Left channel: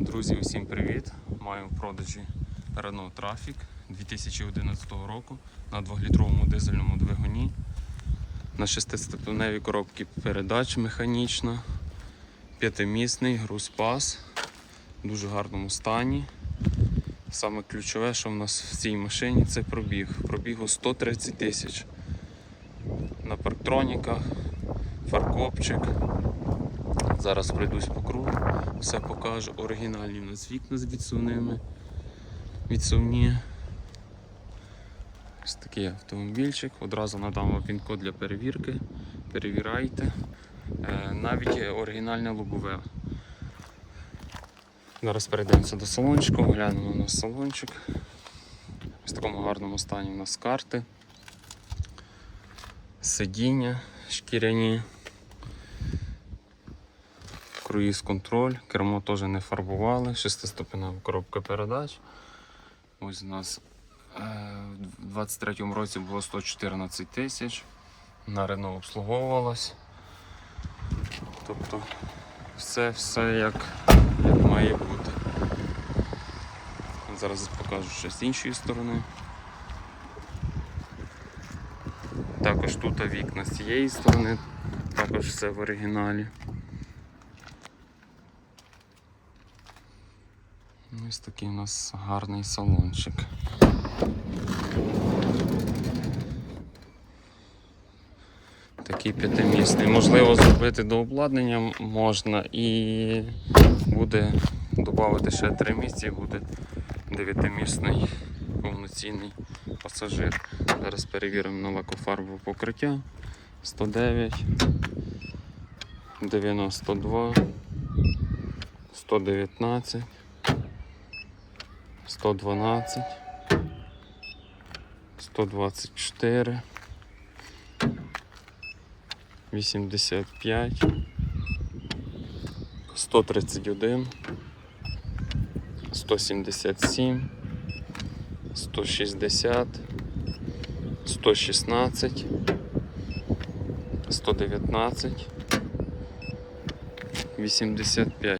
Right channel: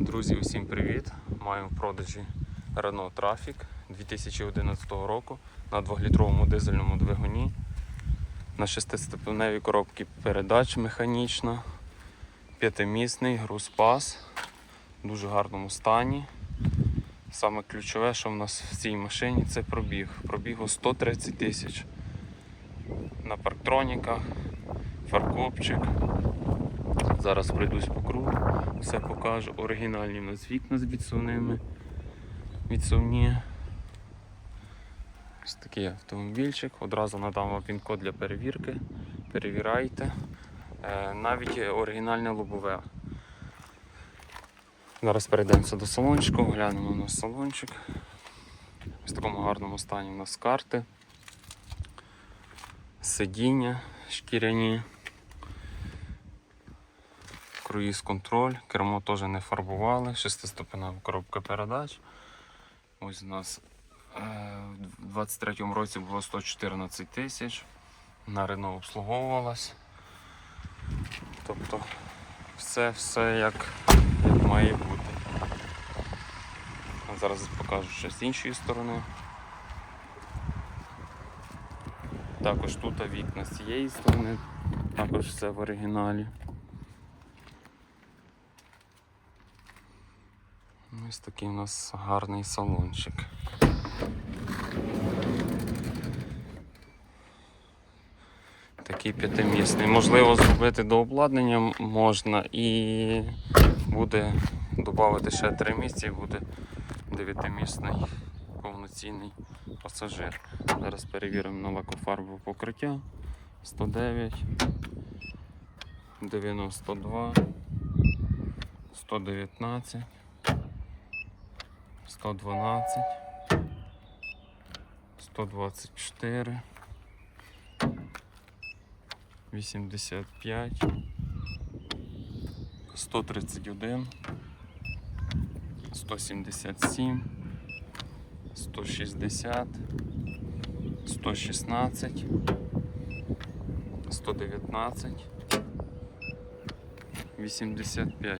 Друзі, усім привіт! Маємо в продажі Renault Trafic 2011 року на 2-літровому дизельному двигуні. На 6-ступеневій коробці передач механічна, п'ятимісний груз-пас в дуже гарному стані. Саме ключове, що в нас в цій машині, це пробіг. Пробігу 130 тисяч. На парктроніках, фаркопчик. Зараз пройдусь по кругу, все покажу. Оригінальні в нас вікна з відсувними. Відсувні. Ось такий автомобільчик. Одразу надам вам він-код для перевірки. Перевіряйте. Е, навіть оригінальне лобове. Зараз перейдемося до салончику, глянемо на салончик. В такому гарному стані у нас карти, сидіння шкіряні круїз контроль, кермо теж не фарбували, шестиступенева коробка передач. Ось у нас е, в 23-му році було 114 тисяч. На Рено обслуговувалась. Тобто все, все як, як має бути. Зараз покажу ще з іншої сторони. Також тут вікна з цієї сторони, також все в оригіналі. Ось такий у нас гарний салончик. Такий п'ятимісний. Можливо, зробити до обладнання можна і буде додати ще три місця і буде дев'ятимісний повноцінний пасажир. Зараз перевіримо на лакофарбове покриття 109, 92, 119. 112, 124, 85, 131, 177, 160, 116, 119, 85.